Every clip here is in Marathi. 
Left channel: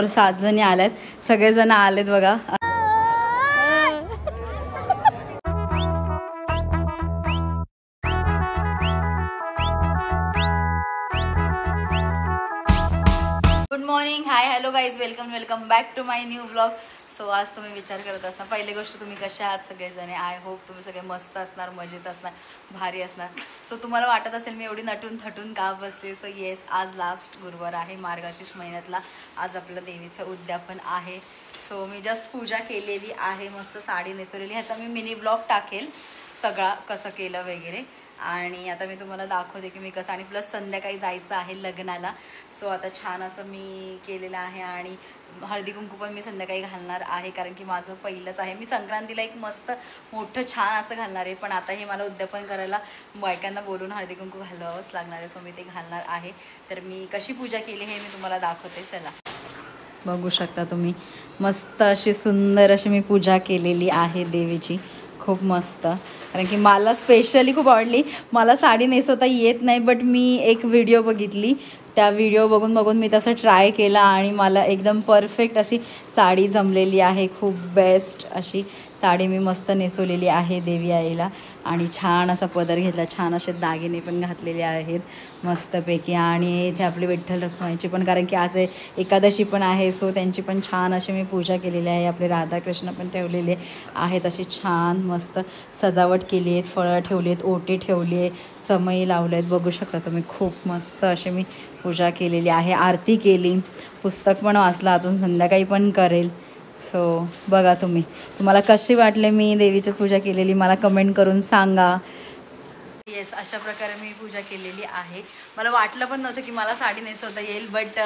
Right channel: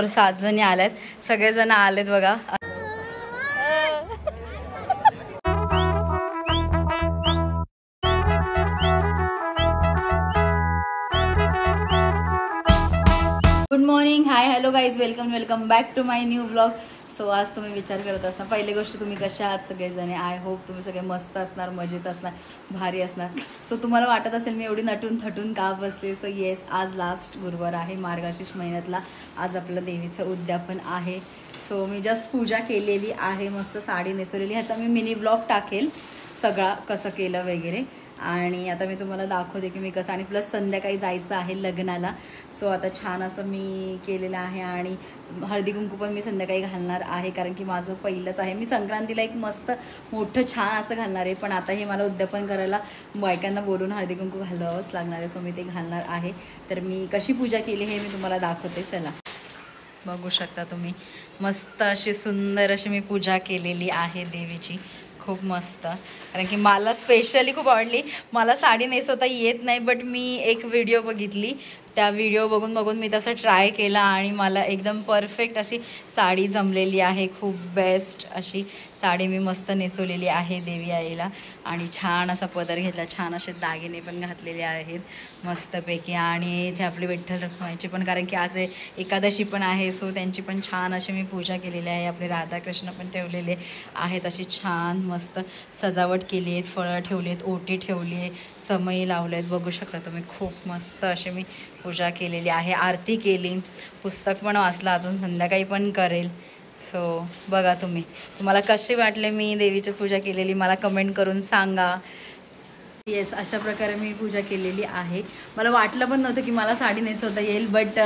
बरोबर 7 जणी आल्यात. सगळेजण आलेत बघा. Good morning, hi, hello guys, welcome back to my new blog. So आज तुम्ही विचार करत असणार, पहिली गोष्ट तुम्ही कशा आहात सगळेजण. आय होप तुम्ही सगळे मस्त असणार, मजेत असणार, भारी असणार. सो तुम्हाला वाटत असेल मी एवढी नटून थटून का बसते. सो येस, आज लास्ट गुरुवार आहे मार्गशीर्ष महिन्यातला. आज आपलं देवीचं उद्यापन आहे. सो मी जस्ट पूजा केलेली आहे, मस्त साडी नेसवलेली. ह्याचा मी मिनी ब्लॉग टाकेल सगळा कसं केलं वगैरे. आणि आता मी तुम्हाला दाखवते की मी कसं, आणि प्लस संध्याकाळी जायचं आहे लग्नाला. सो आता छान असं मी केलेलं आहे. आणि हळदी कुंकू पण मी संध्याकाळी घालणार आहे, कारण की माझं पहिलंच आहे. मी संक्रांतीला एक मस्त मोठं छान असं घालणार आहे, पण आता हे मला उद्यापन करायला बायकांना बोलून हळदी कुंकू घालवावंच लागणार आहे. सो मी ते घालणार आहे. तर मी कशी पूजा केली हे मी तुम्हाला दाखवते. चला बघू शकता तुम्ही. मस्त अशी सुंदर अशी मी पूजा केलेली आहे देवीची. खूप मस्त, कारण की मला स्पेशली खूप आवडली. मला साडी नेसवता येत नाही, बट मी एक व्हिडिओ बघितली, त्या व्हिडिओ बघून मी तसं ट्राय केला आणि मला एकदम परफेक्ट अशी साडी जमलेली आहे. खूप बेस्ट अशी साडी मी मस्त नेसवलेली आहे देवी आईला. आणि छान असा पदर घेतला, छान असे दागिने पण घातलेले आहेत मस्तपैकी. आणि इथे आपली विठ्ठल रखुमाईची पण, कारण की आज एकादशी पण आहे, सो त्यांची पण छान अशी मी पूजा केलेली आहे. आपले राधाकृष्ण पण ठेवलेले आहेत. अशी छान मस्त सजावट केली आहे, फळं ठेवली आहेत, ओटी ठेवली आहे, समई लावले आहेत. बघू शकता तुम्ही. खूप मस्त अशी मी पूजा केलेली आहे. आरती केली, पुस्तक पण वाचलं, अजून संध्याकाळी पण करेल. सो बघा तुम्ही, तुम्हाला कशी वाटले मी देवीची पूजा केलेली मला कमेंट करून सांगा. येस, अशा प्रकारे मी पूजा केलेली आहे. मला वाटलं पण नव्हतं की मला साडी नेसवता येईल, बट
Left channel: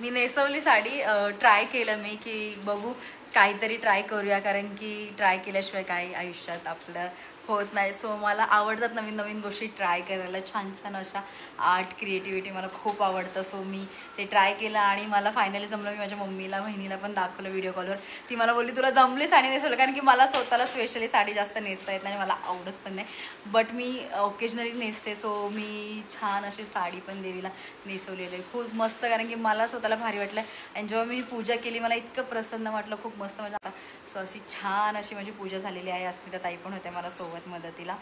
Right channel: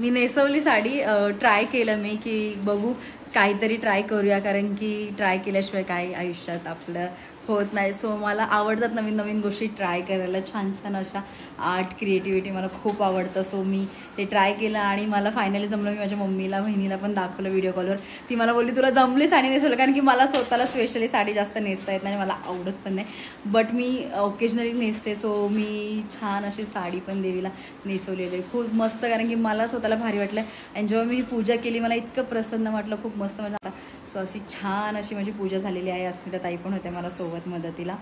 मी नेसवली साडी. ट्राय केलं मी की बघू काहीतरी ट्राय करूया, कारण की ट्राय केल्याशिवाय काय आयुष्यात आपलं होत नाही. सो मला आवडतात नवीन नवीन गोष्टी ट्राय करायला, छान छान अशा आर्ट क्रिएटिव्हिटी मला खूप आवडतं. सो मी ते ट्राय केलं आणि मला फायनली जमलं. मी माझ्या मम्मीला बहिणीला पण दाखवलं व्हिडिओ कॉलवर. ती मला बोलली तुला जमली साडी नेसवलं, कारण की मला स्वतःला स्पेशली साडी जास्त नेसता येत नाही, मला आवडत पण नाही, बट मी ओकेजनली नेसते. सो मी छान अशी साडी पण देवीला नेसवलेली आहे. खूप मस्त, कारण की मला स्वतःला भारी वाटलं. आणि जेव्हा मी ही पूजा केली मला इतकं प्रसन्न वाटलं, खूप मस्त मजा. सो अशी छान अशी माझी पूजा झालेली आहे. अस्मिता ताई पण होत्या मला सोबत मदतीला.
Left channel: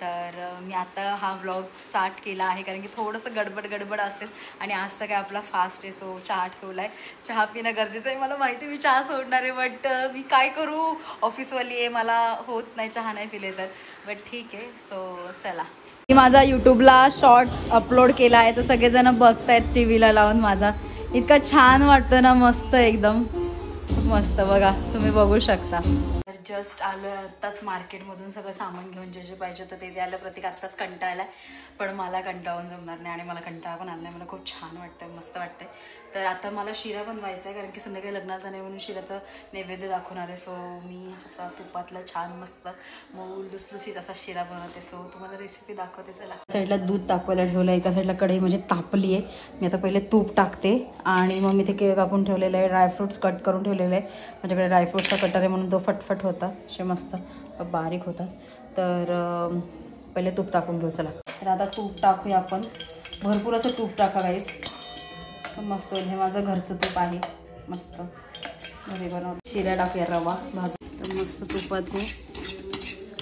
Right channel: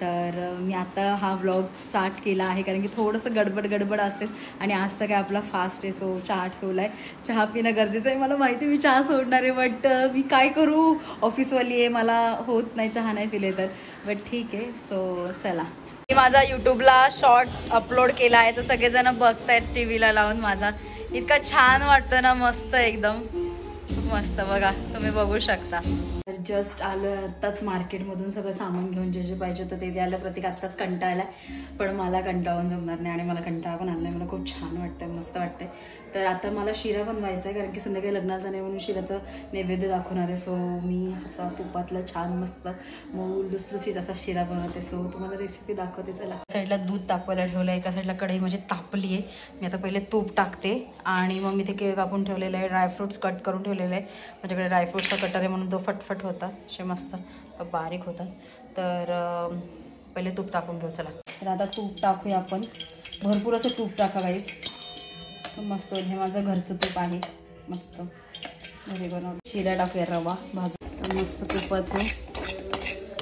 तर मी आता हा व्लॉग स्टार्ट केला आहे, कारण की थोडंसं गडबड असते. आणि आज तर काय आपला फास्ट आहे, सो चहा ठेवलाय. चहा पिणं गरजेचं आहे. मला माहिती मी चहा सोडणार आहे, बट मी काय करू, ऑफिसवाली आहे, मला होत नाही चहा नाही पिले तर, बट ठीक आहे. सो चला, मी माझा यूट्यूबला शॉर्ट अपलोड केला आहे, तर सगळेजण बघतायत टीव्हीला लावून. माझा इतका छान वाटतं ना, मस्त एकदम मस्त. बघा तुम्ही बघू शकता. जस्ट आलं आत्ताच मार्केटमधून सगळं सामान घेऊन, जे जे पाहिजे होतं ते आलं. प्रत्येक आत्ताच कंटाळायला, पण मला कंटाळून जमणार नाही आणि मला कंटाळा पण आला नाही. मला खूप छान वाटतंय, मस्त वाटतंय. तर आता मला शिरा बनवायचा आहे, कारण की संध्याकाळी लग्नाचा नाही म्हणून शिऱ्याचं नैवेद्य दाखवणार आहे. सो मी असा तुपातला छान मस्त मऊ लुसलुसीत असा शिरा बनवते. सो तुम्हाला रेसिपी दाखवते. चला, साईडला दूध तापवायला ठेवलं, एका साईडला कढई म्हणजे तापली आहे. मी आता पहिले तूप टाकते आणि मग मी ते केळ कापून ठेवलेलं आहे, ड्रायफ्रुट्स कट करून ठेवलेले आहे. माझ्याकडे ड्रायफ्रुट्सचा कटर आहे म्हणून तो फटफट होता, असे मस्त बारीक होतात. तर पहिले तूप टाकून घेऊ. चला, तर आता तूप टाकूया आपण. भरपूर असं तूप टाका गाईस, मस्त होईल. हे माझं घरचं तूप आहे, मस्त घरी बनवलं. शिरा टाकूया, रवा भाजून मस्त तुपात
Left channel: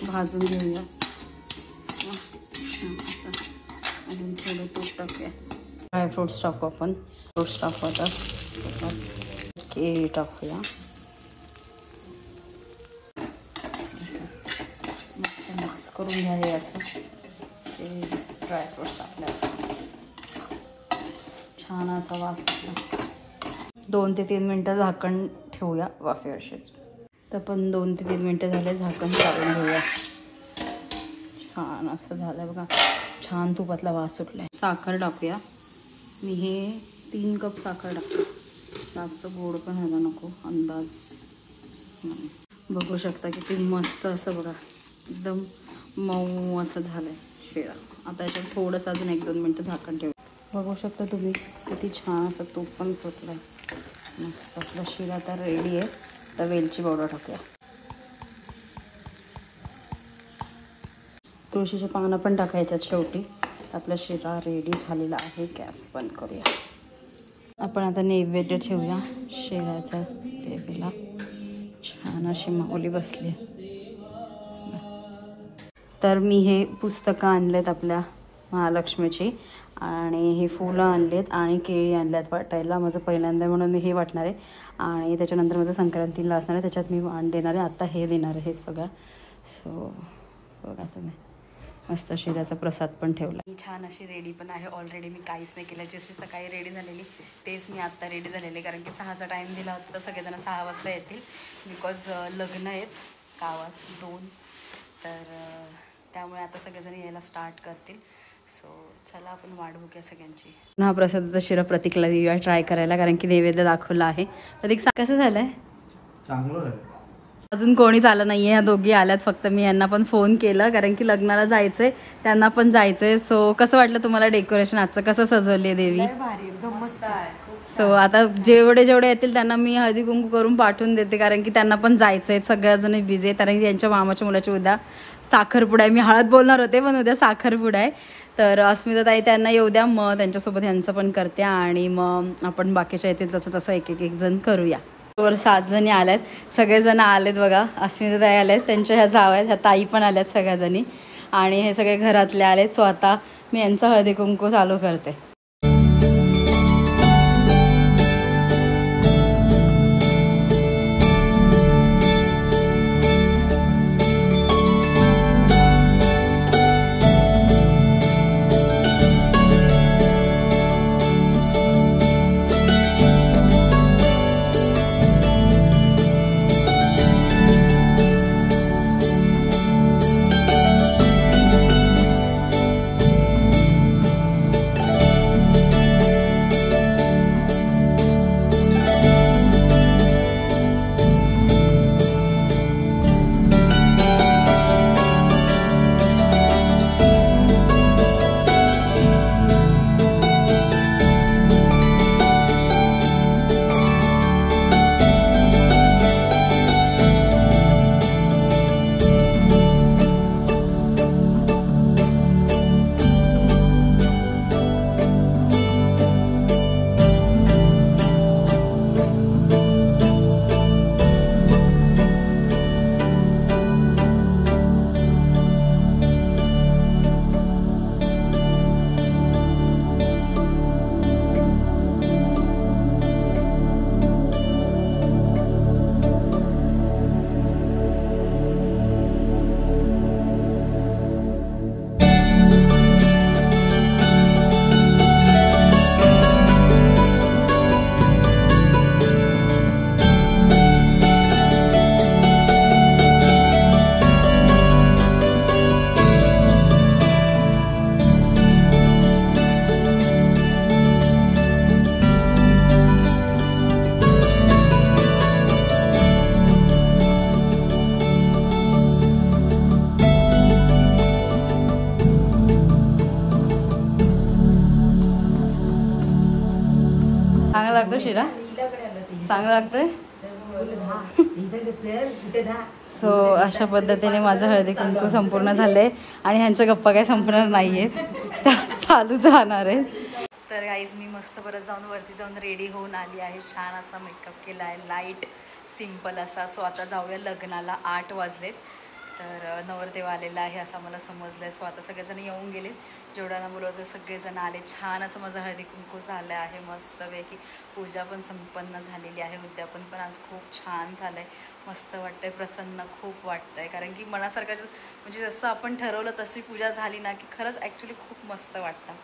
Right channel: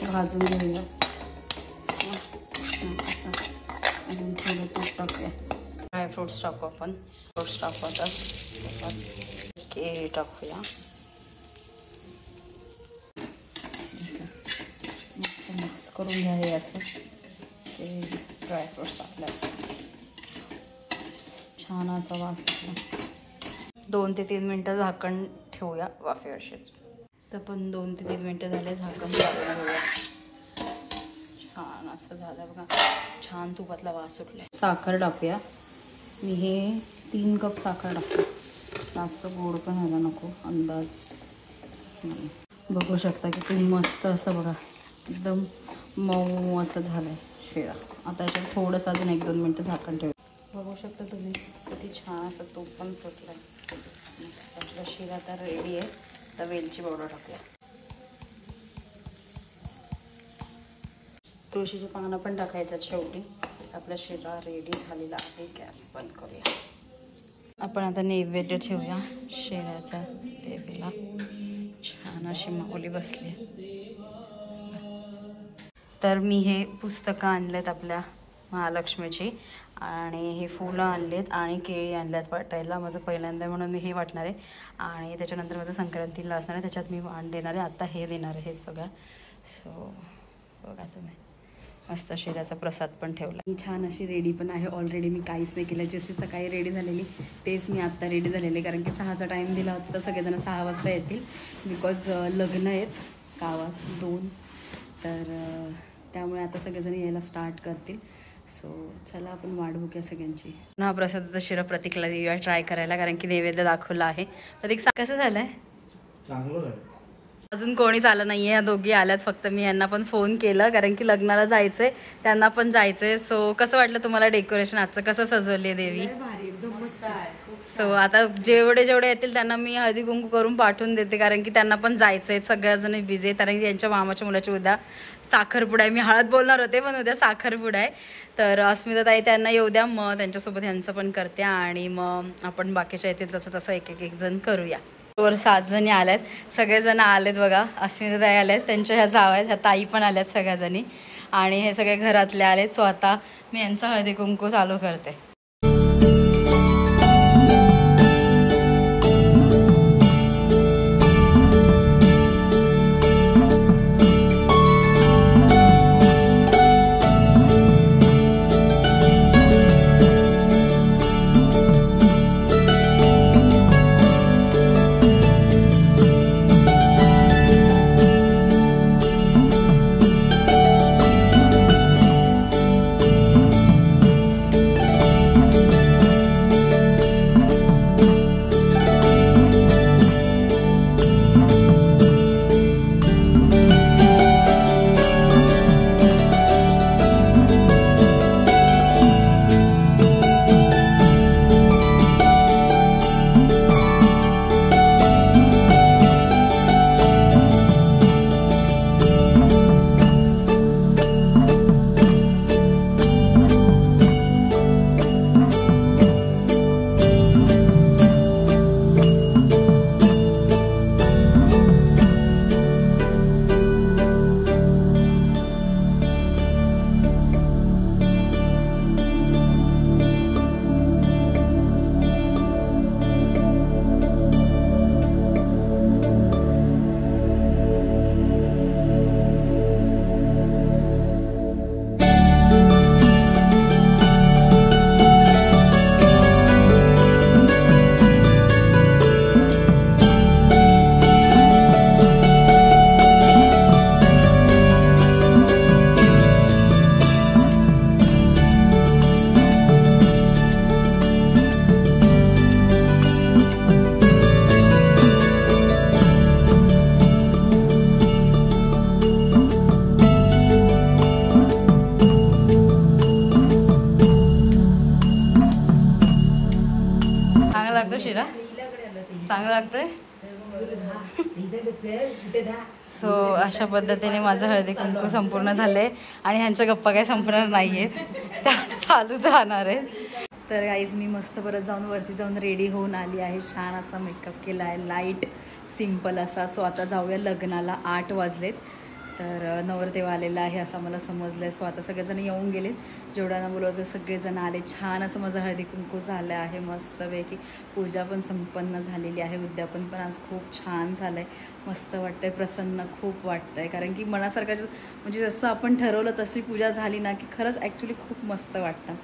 भाजून घेऊया. अजून थोडं तूप टाकूया. ड्रायफ्रुट्स टाकू आपण, फ्रुट्स टाकू आता. केळी टाकूया, मिक्स करून घ्या. हे असं ड्रायफ्रुट्स टाकल्या छान असा वास येतो. 2 ते 3 मिनटं झाकण ठेवूया वाफेवर. तर पण 2 ते 3 मिनटं झाले, झाकण काढून घेऊया. छान असं झालं बघा, छान तुपातला वास सुटलाय. साखर टाकूया. मी हे 3 कप साखर टाकते, जास्त गोड पण व्हायला नको, अंदाज. बघू शकता किती मस्त असं बघा, एकदम मऊ असं झालंय शिरा. आता याच्यात थोडंसं अजून 1-2 मिनटं झाकण ठेवू. बघू शकता तुम्ही किती छान असं तूप पण सुटलंय. मस्त आपला शिरा तर रेडी आहे. तर वेलची पावडर टाकूया. तुळशीचे पानं पण टाकायच्यात शेवटी. आपला शिरा रेडी झालेला आहे. गॅस बंद करूया. आपण आता नैवेद्य ठेवूया शेळ्याचा देवीला. छान अशी माऊली बसली. तर मी हे पुस्तकं आणलेत आपल्या महालक्ष्मीची आणि हे फुलं आणलेत आणि केळी आणल्यात वाटायला. माझं पहिल्यांदा म्हणून मी हे वाटणार आहे आणि त्याच्यानंतर माझं संक्रांतीला असणार आहे, त्याच्यात मी वाण देणार आहे. आता हे देणार आहे हे सगळं. सो बघा तुम्ही, मस्त शिऱ्याचा प्रसाद पण ठेवला. छान अशी रेडी पण आहे ऑलरेडी. मी काहीच नाही केलं, जशी सकाळी रेडी झालेली तेच मी आत्ता रेडी झालेले, कारण की 6चा टाईम दिला होता तर सगळेजण 6 वाजता येतील. बिकॉज लग्न आहेत गावात 2, तर त्यामुळे आता सगळेजण यायला स्टार्ट करतील. सो चला आपण वाट बघूया सगळ्यांची. हा प्रसादाचा शिरा प्रतीकला देऊया ट्राय करायला, कारण की नैवेद्य दाखवला आहे. प्रतीक कसं झालंय? चांगलं झालं. अजून कोणीच आलं नाहीये, ह्या दोघी आल्यात फक्त. मी यांना पण फोन केला कारण की लग्नाला जायचंय, त्यांना पण जायचंय. सो कसं वाटलं तुम्हाला डेकोरेशन आजचं? कसं सजवली देवी? सो आता जेवढे येतील त्यांना मी हळदी कुंकू करून पाठवून देते, कारण की त्यांना पण जायचंय. सगळ्याजण बिझी आहे, कारण की त्यांच्या मामाच्या मुलाची उद्या साखरपुडा आहे. मी हळद बोलणार होते पण उद्या साखरपुडा आहे. तर अस्मिता ताई त्यांना येऊ द्या, मग त्यांच्यासोबत ह्यांचं पण करते आणि मग आपण बाकीच्या येतील तसं तसं एक जण करूया. 7 जणी आल्यात, सगळेजण आलेत बघा. अस्मिता ताई आल्यात, त्यांच्या ह्या जाव आहेत, ह्या ताई पण आल्यात सगळ्याजणी आणि हे सगळे घरातले आलेत. सो आता मी यांचा हळदी कुंकू चालू करते. चांगला लागतो शिरा? चांगला लागतोय. सो अशा पद्धतीने माझं हळदी कुंकू संपूर्ण झालंय आणि ह्यांच्या गप्पा काही संपणार नाहीयेत, चालूच राहणार आहेत. तर गाईज मी मस्त परत जाऊन वरती जाऊन रेडी होऊन आली आहे. छान असा मेकअप केला आहे, लाईट सिम्पल असा. सो आता जाऊया लग्नाला. 8 वाजलेत, तर नवरदेव आलेला आहे असं मला समजलंय. सो आता सगळेजण येऊन गेलेत, जेवढ्यांना बोलवतं सगळेजण आले. छान असं माझं हळदी कुंकू झालं आहे मस्तपैकी. पूजा पण संपन्न झालेली आहे. उद्यापन पण आज खूप छान झालंय, मस्त वाटतंय, प्रसन्न खूप वाटतंय. कारण की मनासारखं म्हणजे जसं आपण ठरवलं तशी पूजा झाली ना की खरंच ॲक्च्युली खूप मस्त वाटतं.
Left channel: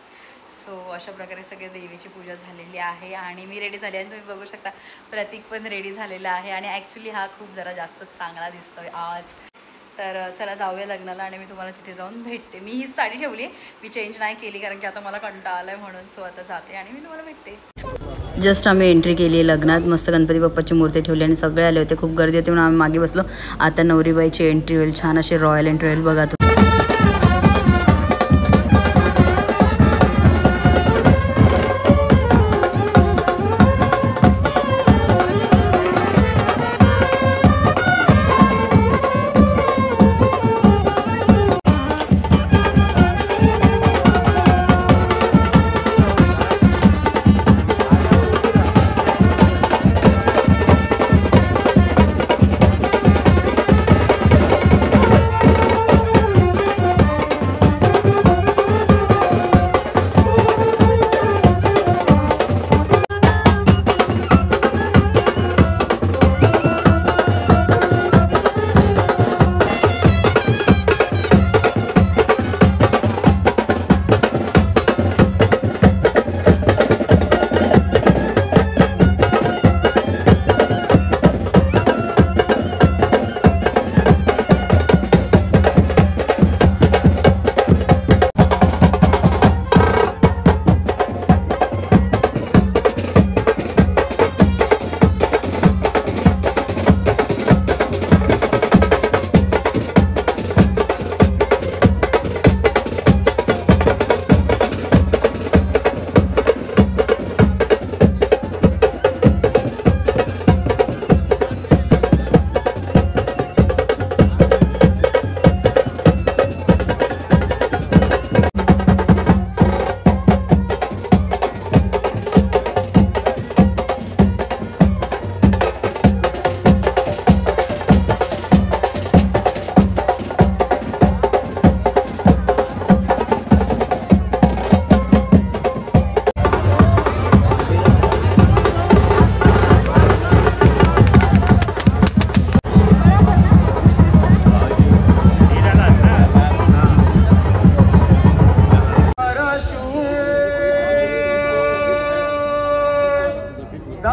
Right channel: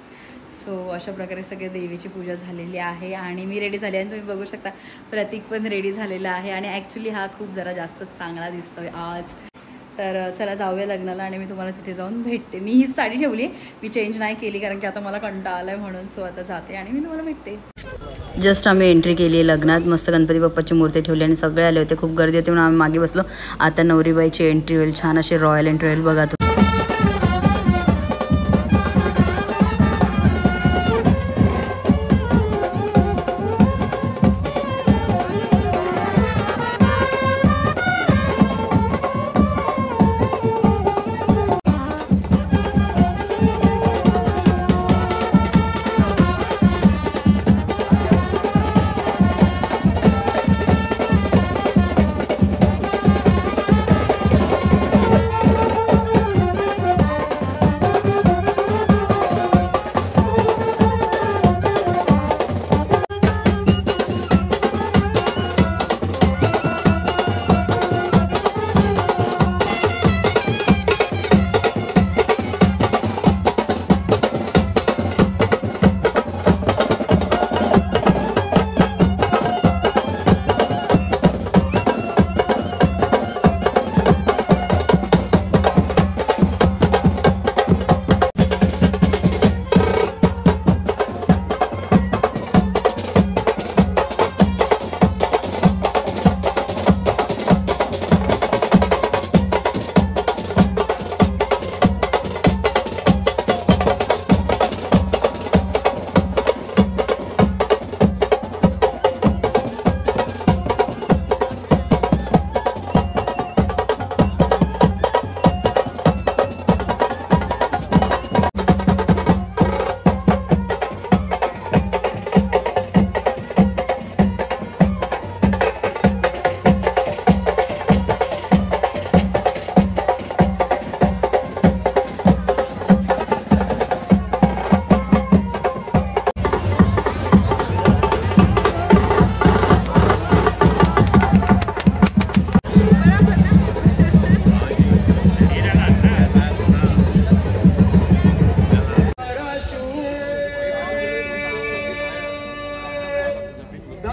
सो अशा प्रकारे सगळे देवीची पूजा झालेली आहे आणि मी रेडी झाली आहे. तुम्ही बघू शकता प्रतीक पण रेडी झालेला आहे आणि ॲक्च्युली हा खूप जरा जास्तच चांगला दिसतोय आज. तर चला जाऊया लग्नाला आणि मी तुम्हाला तिथे जाऊन भेटते. मी हीच साडी ठेवली, मी चेंज नाही केली कारण की आता मला कंटाळा आलाय म्हणून. सो आता जाते आणि मी तुम्हाला भेटते. जस्ट आम्ही एंट्री केली आहे लग्नात. मस्त गणपती बाप्पाची मूर्ती ठेवली आणि सगळे आले होते, खूप गर्दी होती म्हणून आम्ही मागे बसलो. आता नवरीबाईची एंट्री होईल. छान अशी रॉयल एंट्री होईल बघा तुम्ही.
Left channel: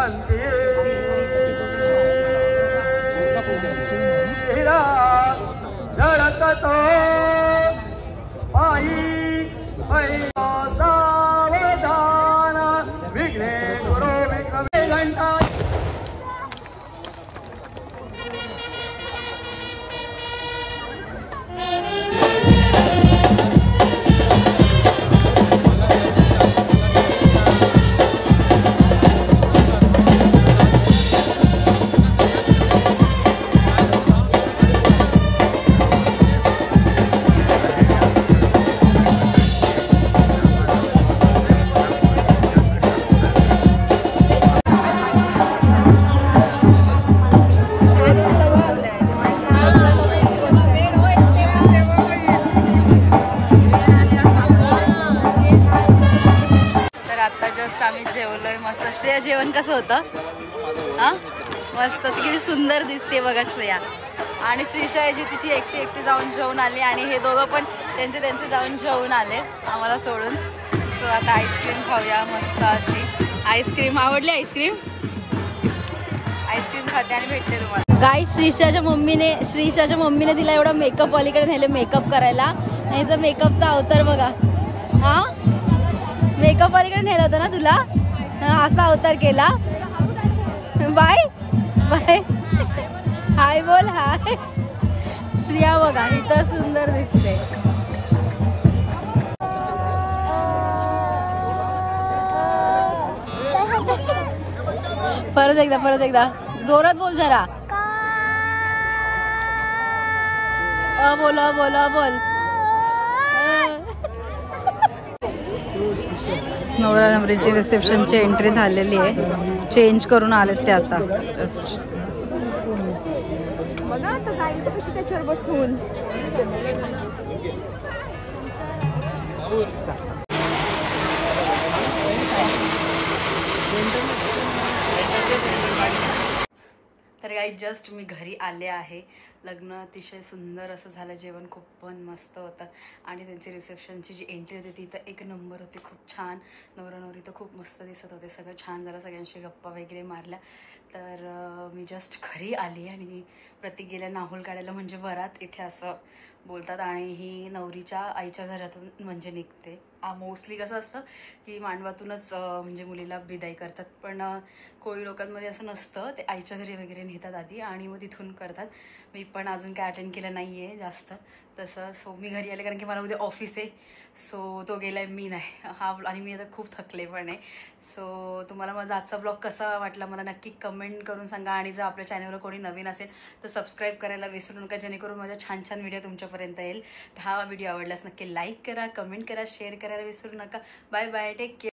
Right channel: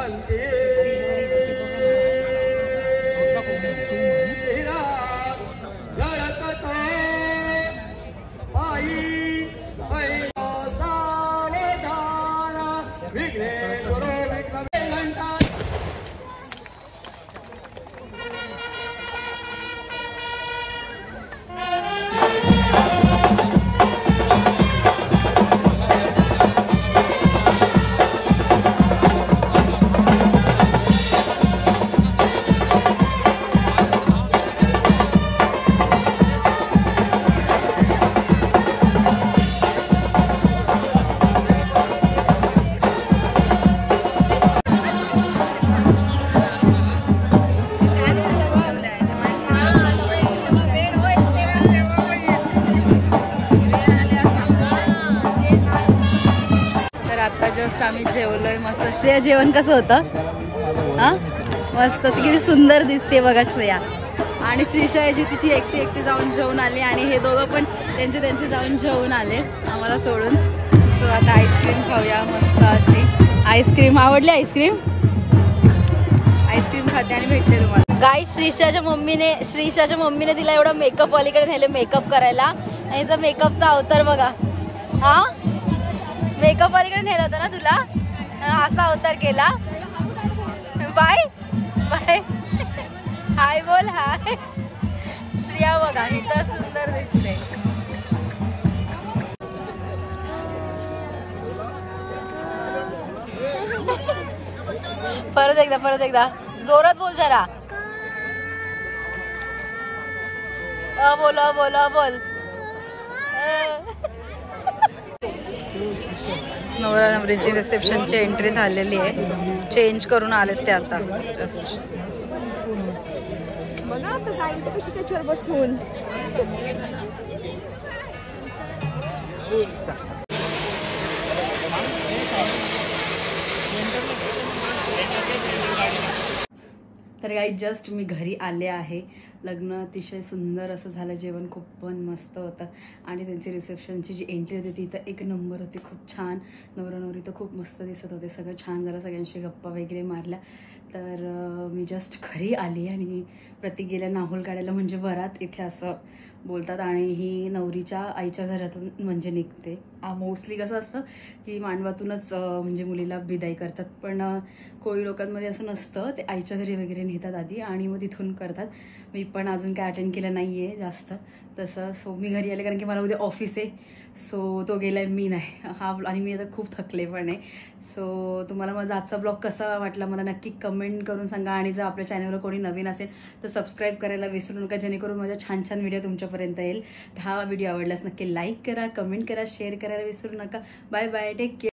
वसंती झळत तो पायी सावधान विघ्नेश्वरो विघ्न घंटा. आता जस्ट आम्ही जेवलोय मस्त. श्रेया जेवण कसं होतं? हा मस्त. ती किती सुंदर दिसते बघा श्रेया. आणि श्रीषा याची तिची एकटी जाऊन जेवून आली आणि हे दोघं पण त्यांचे जाऊन जेवून आले आम्हाला सोडून. सो आता आईस्क्रीम खाऊया मस्त अशी. आईस्क्रीम आवडली? आईस्क्रीम खाते आणि भेटते तुम्हाला. गाई श्रीषाच्या मम्मीने तिला एवढा मेकअप वालीकडे नेले मेकअप करायला. याचा मेकअपचा अवतार बघा. हा मेकअप वालीकडे नेलं होतं ना तुला. असा अवतार केला. बाय बाय हाय बोल. हाय श्रिया बघा इथं सुंदर दिसते. परत एकदा जोरात बोल जरा. बोल नवरा नवरीची रिसेप्शनची एंट्री झालेली आहे. चेंज करून आलेत ते आता जस्ट. बघा आता जाईल तर कशी त्याच्यावर बसून. तर काही जस्ट मी घरी आले आहे. लग्न अतिशय सुंदर असं झालं. जेवण खूप पण मस्त होतं आणि त्यांची रिसेप्शनची जी एंट्री होती ती तर एक नंबर होती. खूप छान. नवरा नवरी तर खूप मस्त दिसत होते. सगळं छान झालं. सगळ्यांशी गप्पा वगैरे मारल्या. तर मी जस्ट घरी आली आणि प्रतीक गेल्या नाहूल काढायला म्हणजे वरात इथे असं बोलतात. आणि ही नवरीच्या आईच्या घरातून म्हणजे निघते. मोस्टली कसं असतं की मांडवातूनच म्हणजे मुलीला विदाई करतात. पण कोळी लोकांमध्ये असं नसतं. ते आईच्या घरी वगैरे नेतात आधी आणि मग तिथून करतात. मी पण अजून काय अटेंड केलं नाही आहे जास्त तसं. सो मी घरी आले कारण की मला उद्या ऑफिस आहे. सो तो गेलाय मी नाही. आणि मी आता खूप थकले पण आहे. सो तुम्हाला माझा आजचा ब्लॉग कसा वाटला मला नक्की कमेंट करून सांगा. आणि जर आपल्या चॅनलवर कोणी नवीन असेल तर सबस्क्राईब करायला विसरू नका जेणेकरून माझ्या छान छान व्हिडिओ तुमच्यापर्यंत येईल. हा व्हिडिओ आवडल्यास नक्की लाईक करा, कमेंट करा, शेअर करायला विसरू नका. Bye bye. Take care.